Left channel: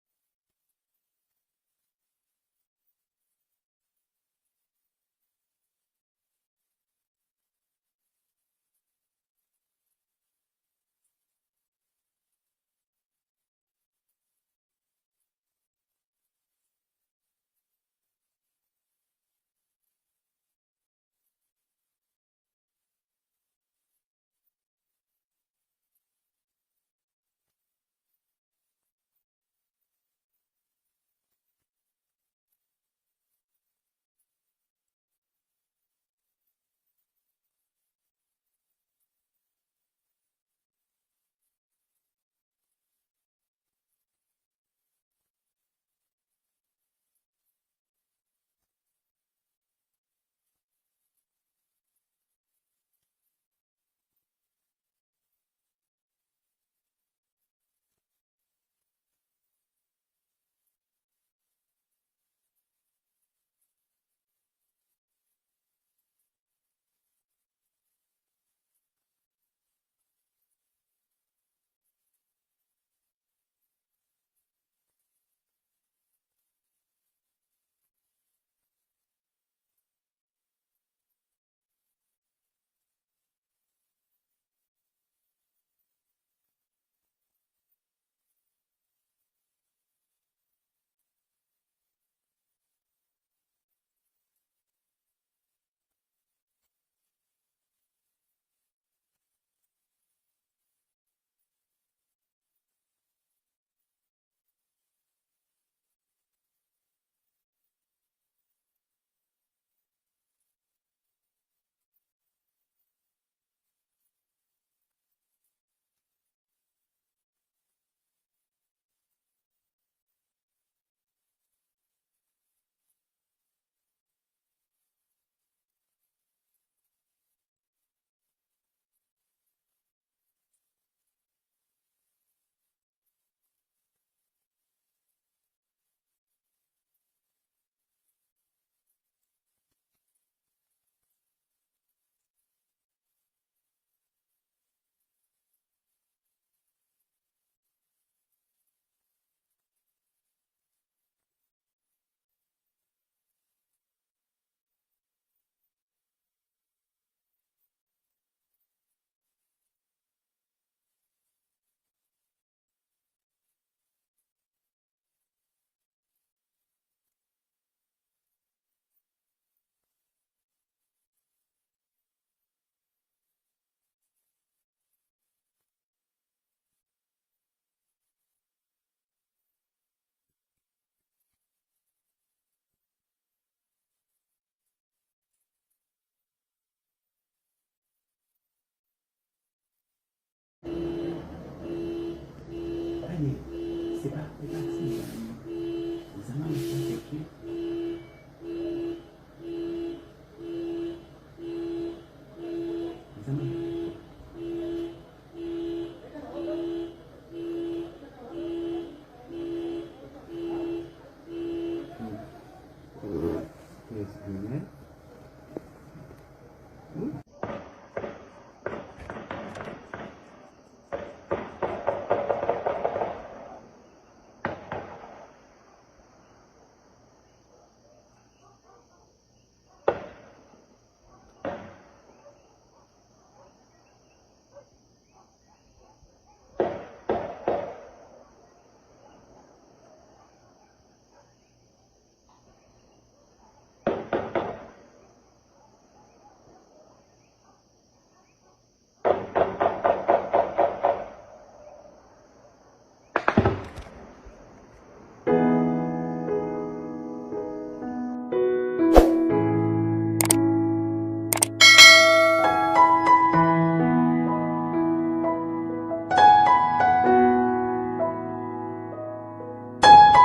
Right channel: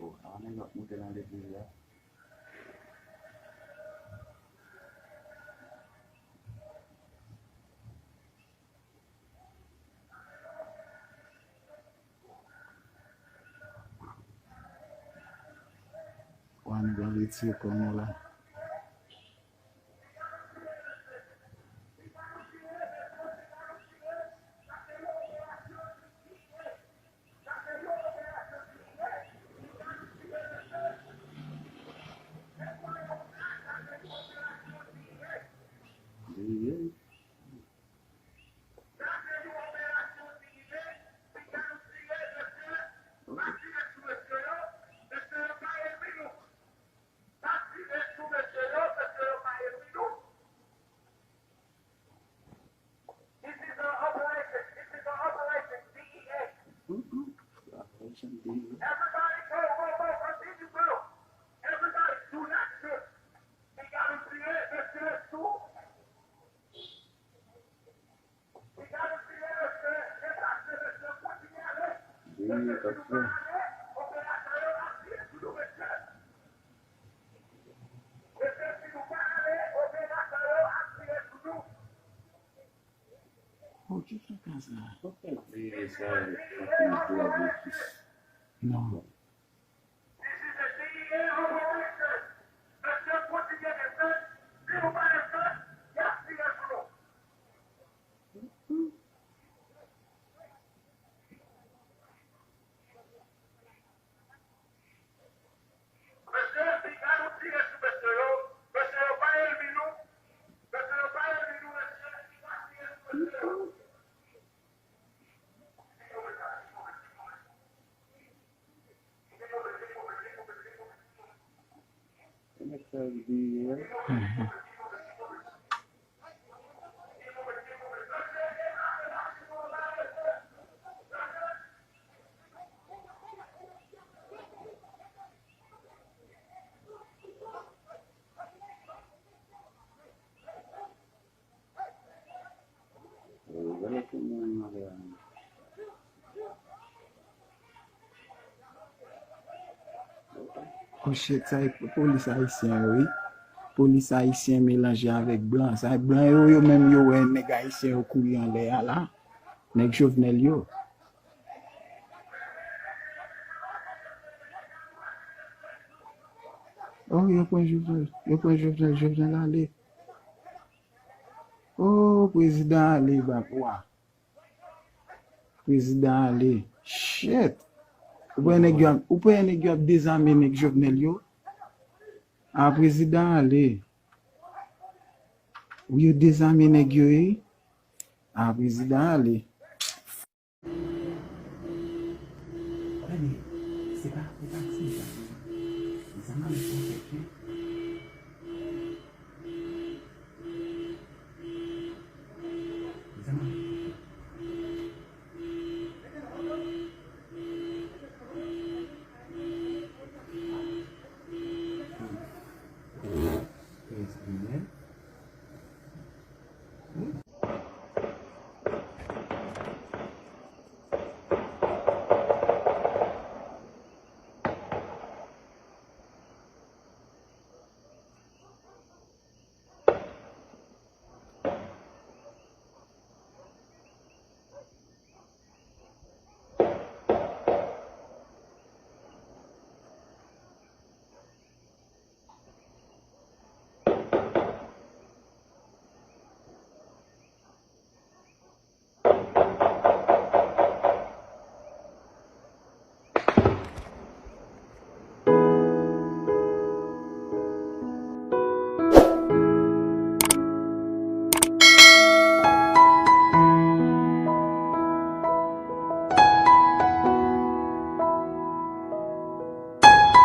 Tuh, awalnya nggak mudah nanti dia. Wan galitsi komola. Dia dia. Dia tak Oh, que fracasso. Por que não. Como é que está o dia? Olha como é Mariana. Oche, ça est police haïtien, oui. Police haïtien mélangé avec blanc. Ça blanc yo même yo un nèg haïtien au courir en l'air là. Nèg Jovenel yo. Oh, yo point Jovenel aller. Oh, président aller bah quoi. Président aller. Shit. Ou peut nèg yo désarmer nèg Jovenel yo. Ah, président aller. Ou yo désarmer nèg yo. Ah, président aller. C'est pas